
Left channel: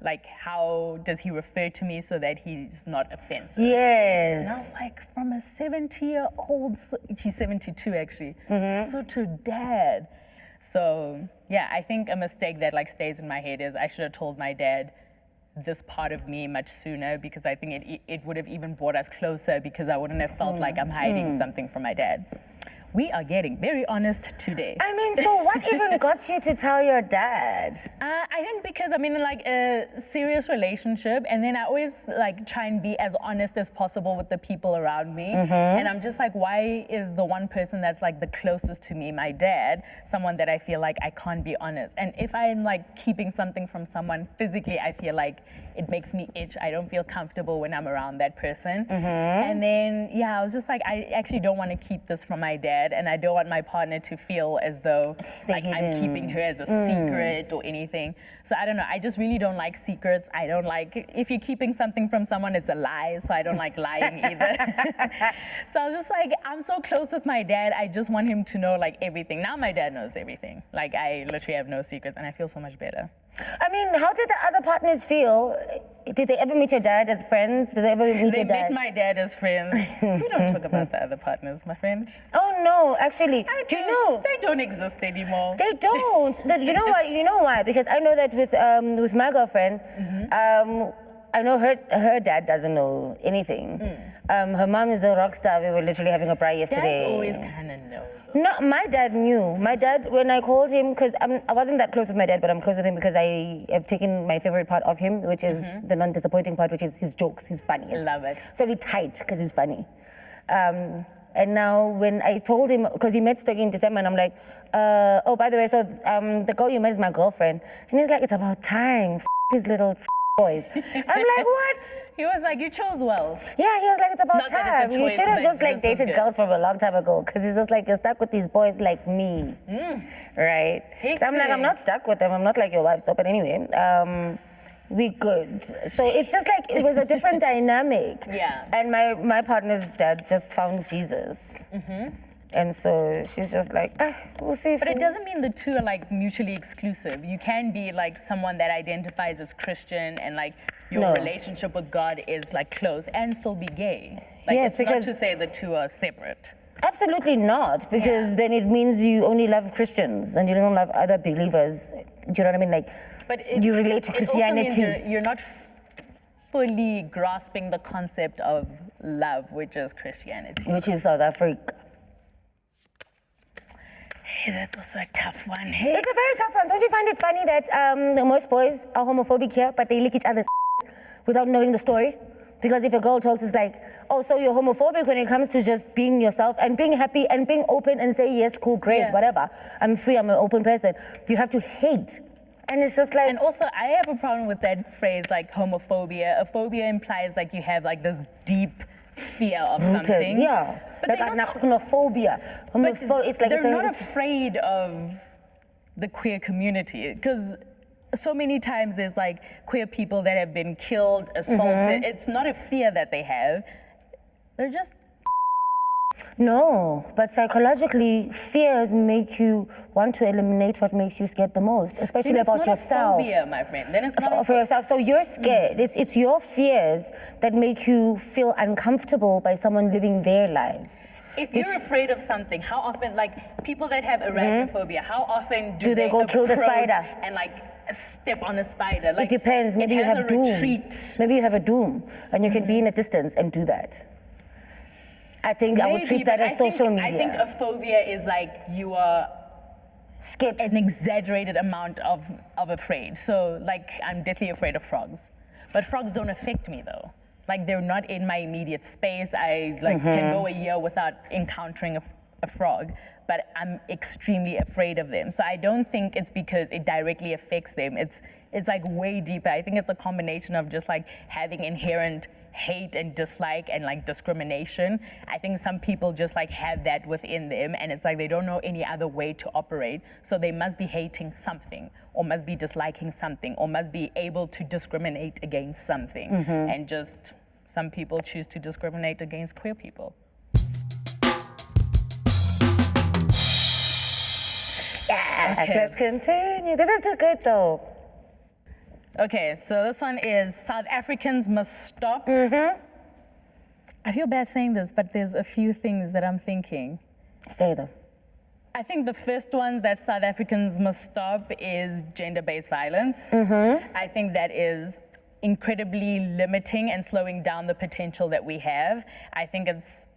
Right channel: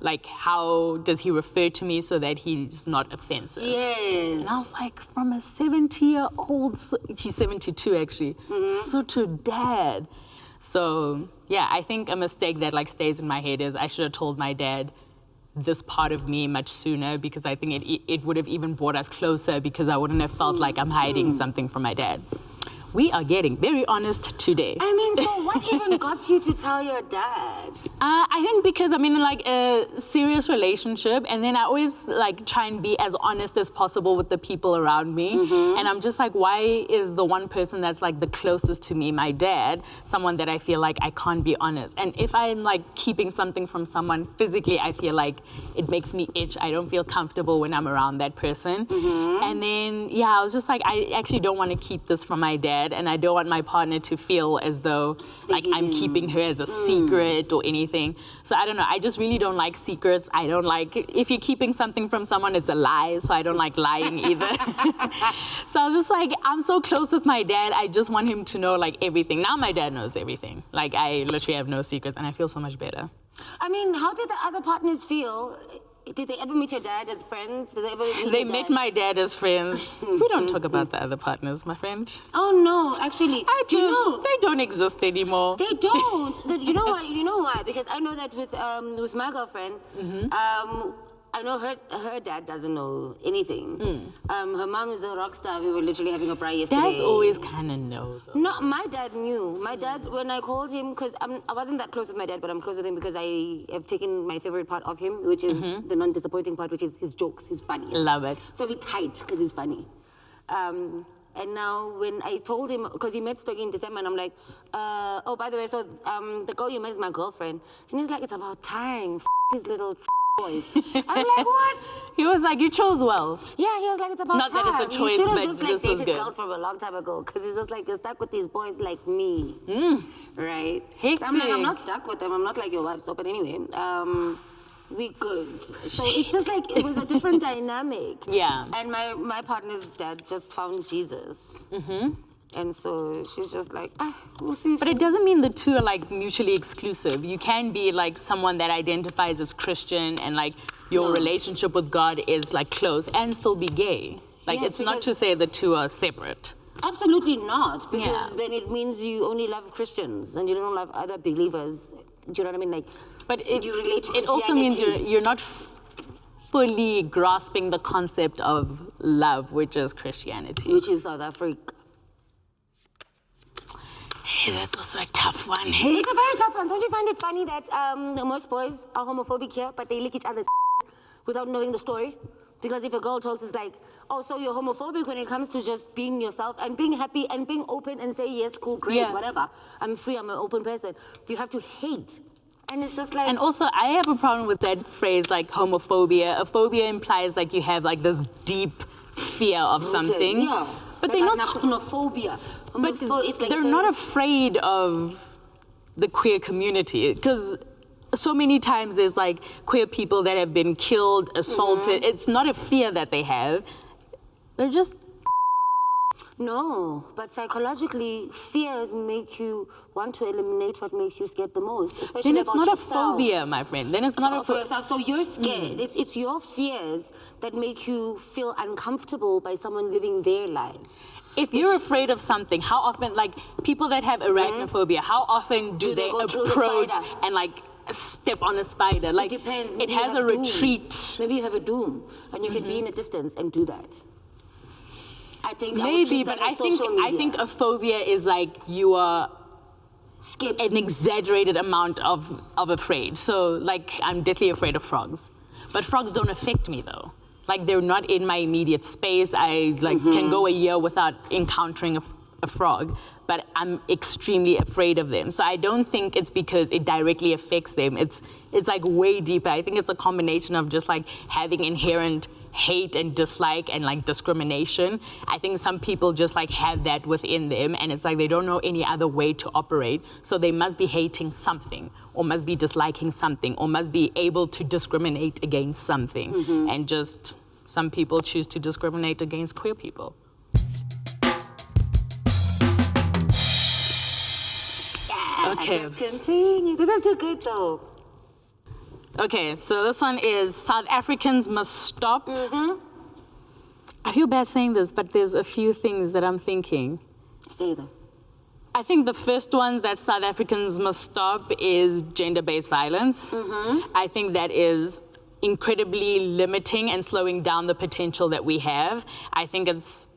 like, how does he refer to me so that he's not offensive? Yes. And I was like, from a 70-year-old, he's 72 actually, Sotho dad. So yeah, I think a mistake that like stays in my head is I should have told my dad this part of me much sooner, because I think it would have even brought us closer, because I wouldn't have felt like I'm hiding something from my dad. We are getting very honest today. I mean, so what even got you to tell your dad? I think because I'm in like a serious relationship, and then I always like try and be as honest as possible with the people around me. And I'm just like, why is the one person that's like the closest to me, my dad, someone that I feel like I can't be honest? And if I'm like keeping something from someone physically, I feel like it makes me itch. I don't feel comfortable when I'm around that person. And then, yeah, I was just like, I actually don't want to keep this from my dad. And I don't want my partner to feel as though like I'm keeping her as a secret or anything. So I don't know, I just really don't like secrets. I don't like, if you're keeping something from someone, it's a lie, so I don't like lying either. So I was just like, I'm so close with my dad, I just want him to know like everything. Now my dad knows everything. Like, I literally have no secrets, and I feel so much better. I mean, how did the other partners feel? Did they ever meet your dad as friends? Did they ever meet your dad? They met my dad as friends. We don't talk about the other partners, my friend. Oh no, actually, do you know? They don't exist anymore. They don't. You know why? You know why? Because I know that with my girlfriend, I know her dad doesn't know anything. Her mom is a rock star. We were literally having a braai yesterday. Dads always kind of know, though. No, my dad knew. My dad, when I called him, because I wasn't that close with my dad, but I'm close with him because I have taken my favorite part of him, which is the non-disappointing part, which is his jokes, his funniest. Love it. So we're tight because he's funny. And now when I told him, because he met Stogie in December, and I'm like, oh, by the way, so the girl you met is my girlfriend. And he's like, it's about time, these little boys. I'm like, what? He was like, you chose well. Yeah, he was like, it's about Not time. that it's a choice, you should have but just like this was dated good. girls from a long time ago. Because he's just like, you're stuck with these boys like me. Right? So I'm like, I'm not stuck with them. I'm not like your wife. So, but anyway, we good. So it's just like, it was a different dynamic. Yeah. And my partner's dad just found Jesus. And so she's just like, we'll see. But it doesn't mean the two are like mutually exclusive. You can be like someone that identifies as Christian and like your relationship with God is like close and still be gay. Like Yes, it's not to say the two are separate. Absolutely not, because then it means you only love Christians and you don't love other believers. Do you know what I mean? Like, But you relate to it Christianity. also means you're not fully grasping the concept of love, which is Christianity. Which is South Africa. Hey, that's also a tough one. Hey. It's a very tough one. Don't you find it funny that most boys are homophobic here, but they lick each other's without knowing the story? Because if a girl talks, it's like, oh, so you're homophobic when it comes to just being yourself and being happy and being open and say, yes, cool, great, whatever. I'm free, I'm an open person. You have to hate. And it's just like... And also, I have a problem with that phrase, like homophobia. A phobia implies like you have like this deep fear of something. Yeah. But like they're not... Homophobia. But it's like they're not afraid of the queer community, because so many times there's like queer people that have been killed, assaulted. It's not a fear that they have. They're just... No, but psychologically, fears make you want to eliminate what makes you scared the most, especially about yourself. It's not a phobia, my friend. Then it's not for yourself. So you're scared. It's your fears that make you feel uncomfortable by someone living their lives. If you're afraid of something, how often, like people that have arachnophobia, how often do they go kill the approach spider? and like step on a spider? Like, it depends. Maybe it has you have a doom. retreat. Maybe you have a doom, and you can be in a distance and do that. I think I would treat that as social media. I think a phobia is like you are scared. An exaggerated amount of afraid. So like I'm deathly afraid of frogs. But frogs don't affect me though. Like they're not in my immediate space. I like can go a year without encountering a frog, but I'm extremely afraid of them. So I don't think it's because it directly affects them. It's like way deeper. I think it's a combination of just like having inherent hate and dislike and like discrimination. I think some people just like have that within them, and it's like they don't know any other way to operate. So they must be hating something, or must be disliking something, or must be able to discriminate against something. And just some people choose to discriminate against queer people. Yes, Okay. let's continue. This is too good though. Okay, so this one is South Africans must stop. I feel bad saying this, but there's a few things that I'm thinking. Say them. I think the first one that South Africans must stop is gender-based violence. I think that is incredibly limiting and slowing down the potential that we have. I think it's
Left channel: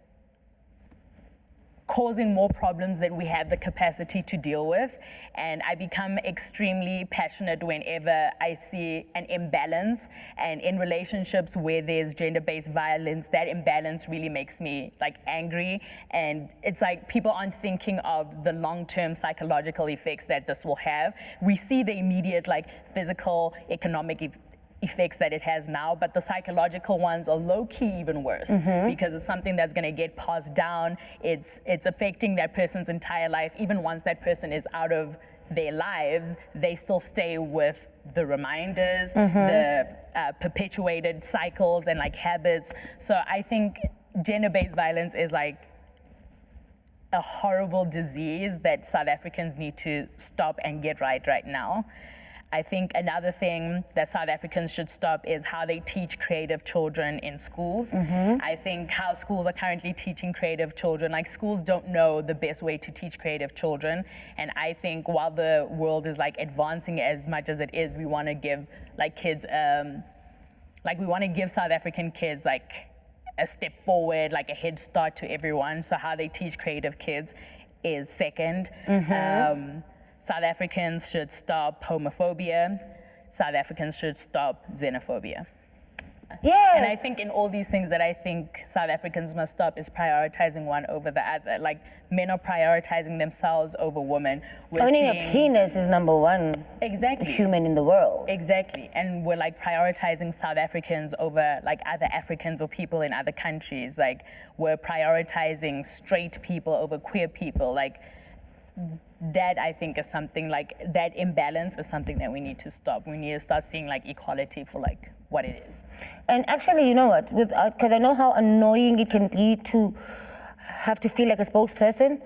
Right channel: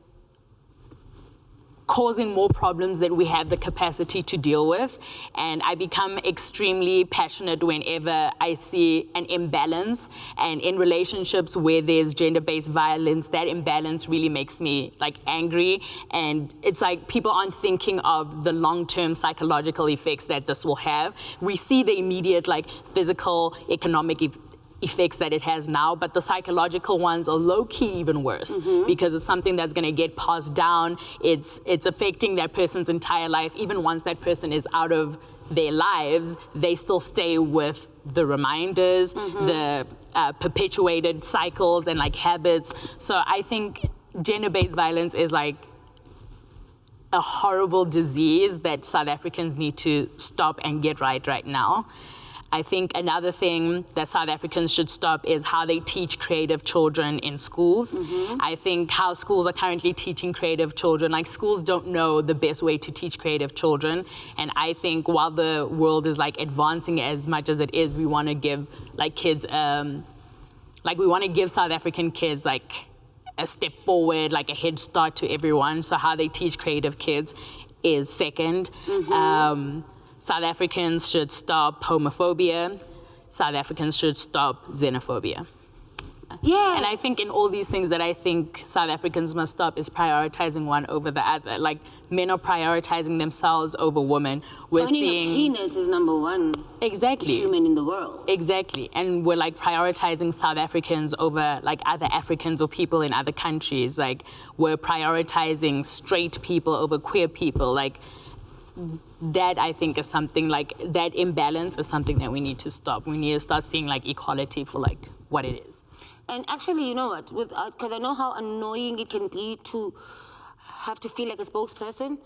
causing more problems that we have the capacity to deal with. And I become extremely passionate whenever I see an imbalance. And in relationships where there's gender-based violence, that imbalance really makes me like angry. And it's like people aren't thinking of the long-term psychological effects that this will have. We see the immediate like physical, economic effects that it has now, but the psychological ones are low-key even worse because it's something that's going to get passed down. It's affecting that person's entire life. Even once that person is out of their lives, they still stay with the reminders, the perpetuated cycles and like habits. So I think gender-based violence is like a horrible disease that South Africans need to stop and get right now. I think another thing that South Africans should stop is how they teach creative children in schools. I think how schools are currently teaching creative children, like schools don't know the best way to teach creative children. And I think while the world is like advancing as much as it is, we want to give like kids like we want to give South African kids like a step forward, like a head start to everyone. So how they teach creative kids is second. South Africans should stop homophobia. South Africans should stop xenophobia. Yes. And I think in all these things that I think South Africans must stop is prioritizing one over the other. Like men are prioritizing themselves over women. We're Owning seeing, a penis is number one human in the world. Exactly. And we're like prioritizing South Africans over like other Africans or people in other countries. Like we're prioritizing straight people over queer people. Like that I think is something like that imbalance is something that we need to stop. We need to start seeing like equality for like what it is. And actually, you know what, because I know how annoying it can be to have to feel like a spokesperson.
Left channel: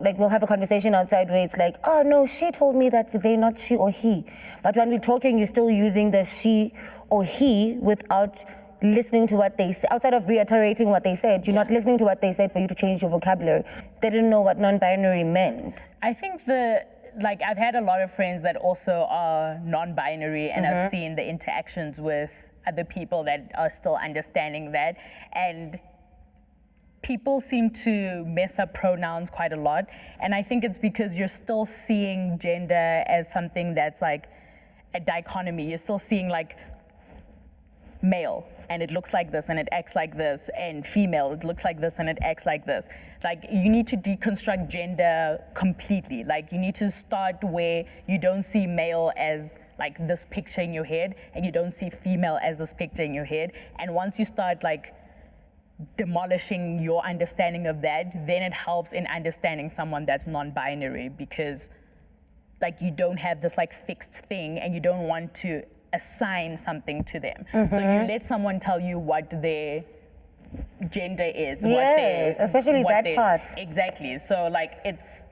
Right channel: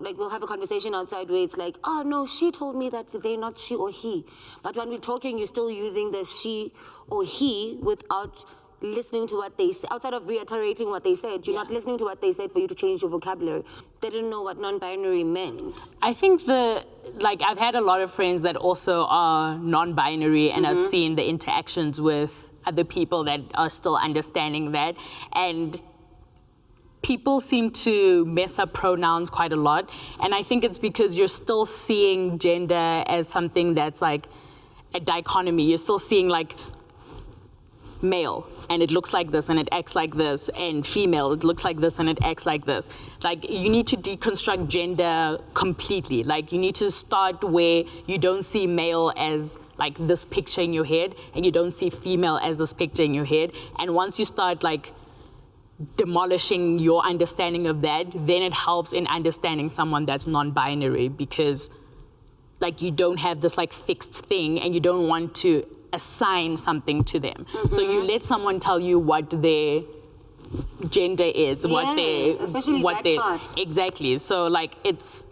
Like we'll have a conversation outside where it's like, oh no, she told me that they're not she or he. But when we're talking, you're still using the she or he without listening to what they say. Outside of reiterating what they said, you're not listening to what they said for you to change your vocabulary. They didn't know what non-binary meant. I think like I've had a lot of friends that also are non-binary and I've seen the interactions with other people that are still understanding that. And people seem to mess up pronouns quite a lot. And I think it's because you're still seeing gender as something that's like a dichotomy. You're still seeing like male, and it looks like this and it acts like this, and female, it looks like this and it acts like this. Like you need to deconstruct gender completely. Like you need to start where you don't see male as like this picture in your head, and you don't see female as this picture in your head. And once you start like demolishing your understanding of that, then it helps in understanding someone that's non-binary, because like you don't have this like fixed thing and you don't want to assign something to them. So you let someone tell you what their gender is, especially that part. Exactly. So like it's,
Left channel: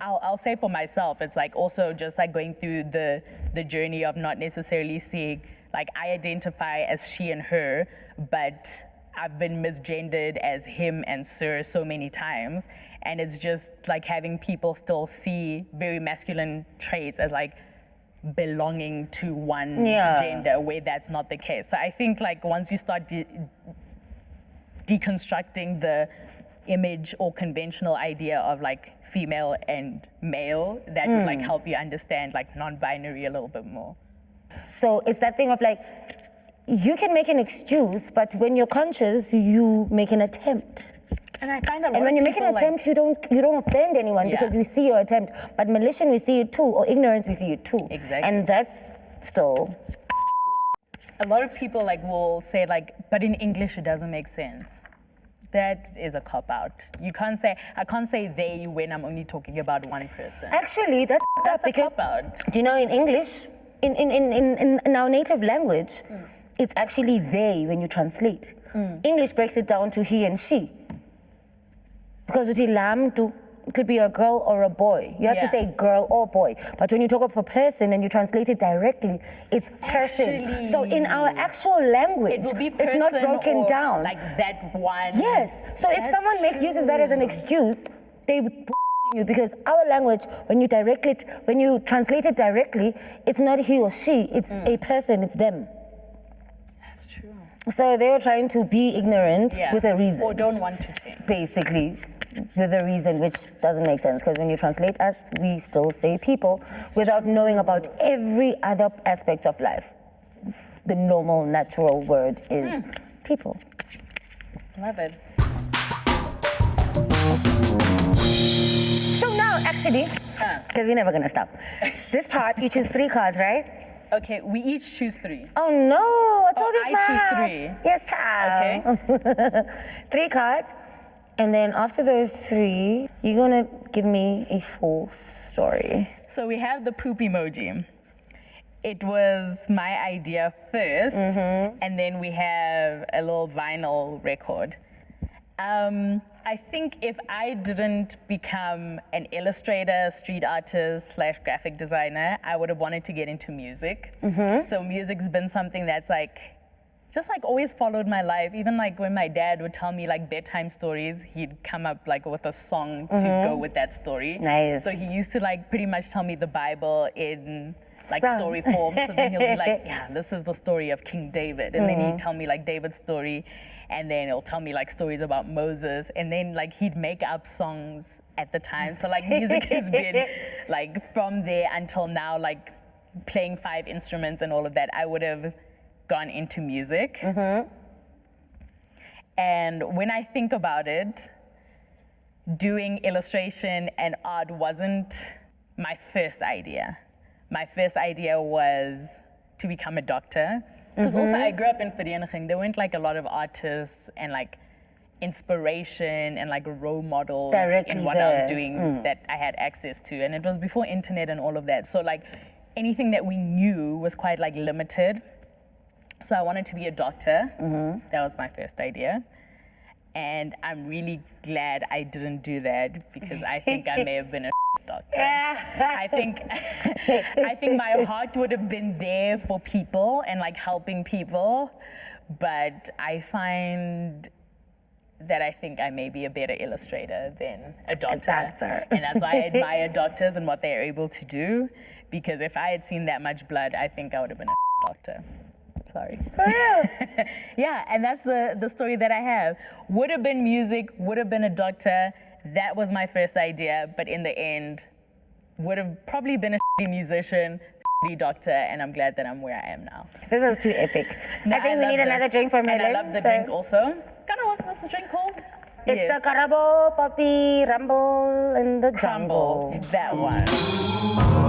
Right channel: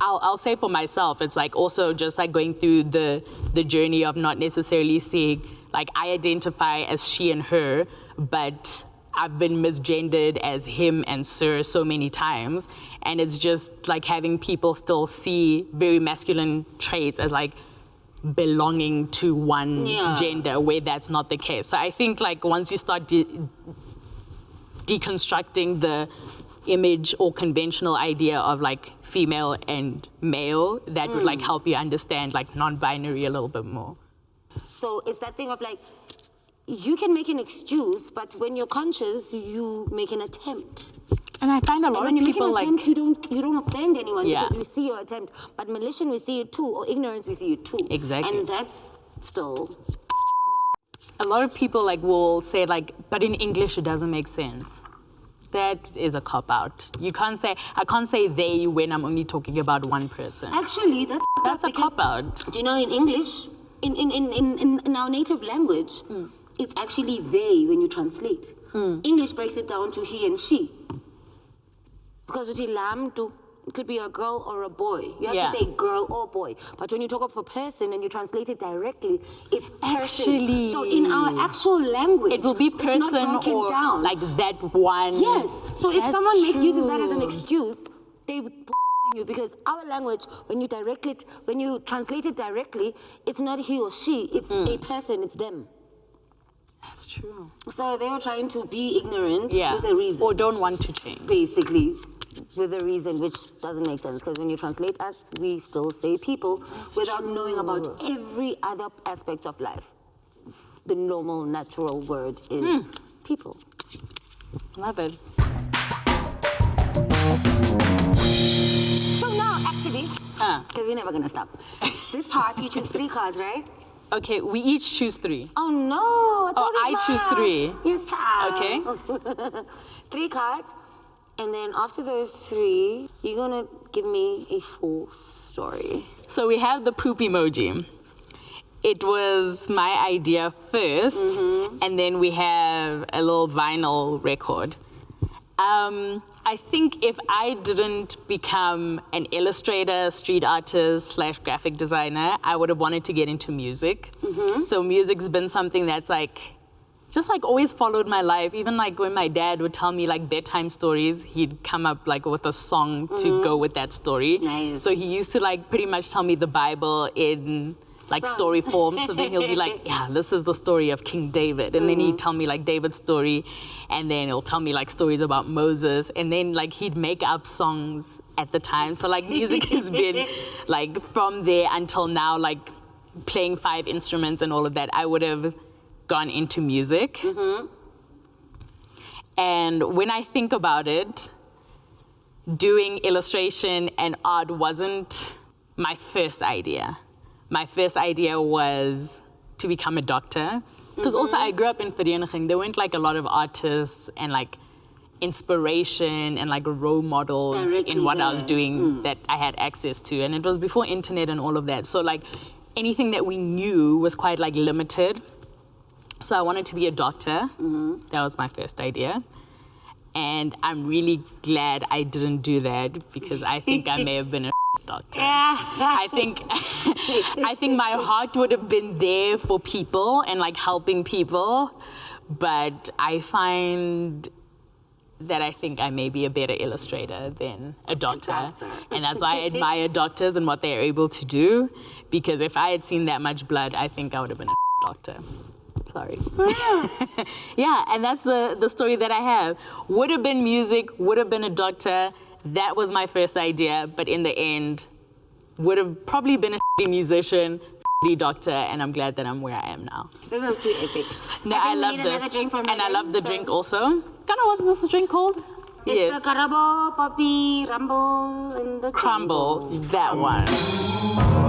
I'll say for myself, it's like also just like going through the journey of not necessarily seeing, like I identify as she and her, but I've been misgendered as him and sir so many times. And it's just like having people still see very masculine traits as like belonging to one gender, where that's not the case. So I think like once you start deconstructing the image or conventional idea of like female and male, that would like help you understand like non-binary a little bit more. So it's that thing of like, you can make an excuse, but when you're conscious, you make an attempt. And I find a lot of people, when you make an attempt, like, you don't offend anyone because we see your attempt. But malicious, we see it too, or ignorance, we see it too. Exactly. And that's still. A lot of people like will say like, but in English it doesn't make sense. That is a cop-out. You can't say, I can't say they when I'm only talking about one person. Actually, that's a cop-out. Do you know in English, in our native language, it's actually they when you translate. English breaks it down to he and she. Because it could be a girl or a boy. You have to say girl or boy. But when you talk of a person and you translate it directly, it's person. Actually, so in our actual language, it will be person, it's not broken or down. Like that one. Yes. So if someone uses that as an excuse, they you, because our language, when you translate it directly, it's not he or she, it's a person, it's them. That's true. So they were trying to be ignorant with a reason. Or don't want to change. Basically, with a reason, which doesn't make sense, because when you translate us, we still say people without knowing about every other aspect of life. The normal, natural word is people. Love it. So now, actually, because we're never gonna stop. This part, you choose 3 cards, right? Okay, we each choose 3. Oh no, I choose 3. Yes, child. Okay. 3 cards. And then after those 3, you're gonna give me a full story. So we have the poop emoji. It was my idea first, and then we have a little vinyl record. I think if I didn't become an illustrator, street artist / graphic designer, I would have wanted to get into music. So music's been something that's like, just like always followed my life. Even like when my dad would tell me like bedtime stories, he'd come up like with a song to go with that story. Nice. So he used to like pretty much tell me the Bible in like story form. So then he'll be like, yeah, this is the story of King David. And then he'd tell me like David's story. And then he'll tell me like stories about Moses. And then like he'd make up songs at the time. So like music has been like from there until now, like playing 5 instruments and all of that, I would have gone into music. And when I think about it, doing illustration and art wasn't my first idea. My first idea was to become a doctor. Because also I grew up in Vereniging. There weren't like a lot of artists and like inspiration and like role models in what I was doing that I had access to. And it was before internet and all of that. So like anything that we knew was quite like limited. So I wanted to be a doctor. That was my first idea. And I'm really glad I didn't do that because I think I may have been a doctor. I think my heart would have been there for people and like helping people, but I find that I think I may be a better illustrator than a doctor. And that's why I admire doctors and what they're able to do, because if I had seen that much blood, I think I would have been a doctor. Sorry. For real? Yeah, and that's the story that I have. Would have been music, would have been a doctor. That was my first idea, but in the end, would have probably been a musician, doctor, and I'm glad that I'm where I am now. This is too epic. No, I think we need another drink from Helen. And I love the drink also. Kana, what's this drink called? It's the Karabo, Poppy, Rumble, and the Crumble. Jungle. That one.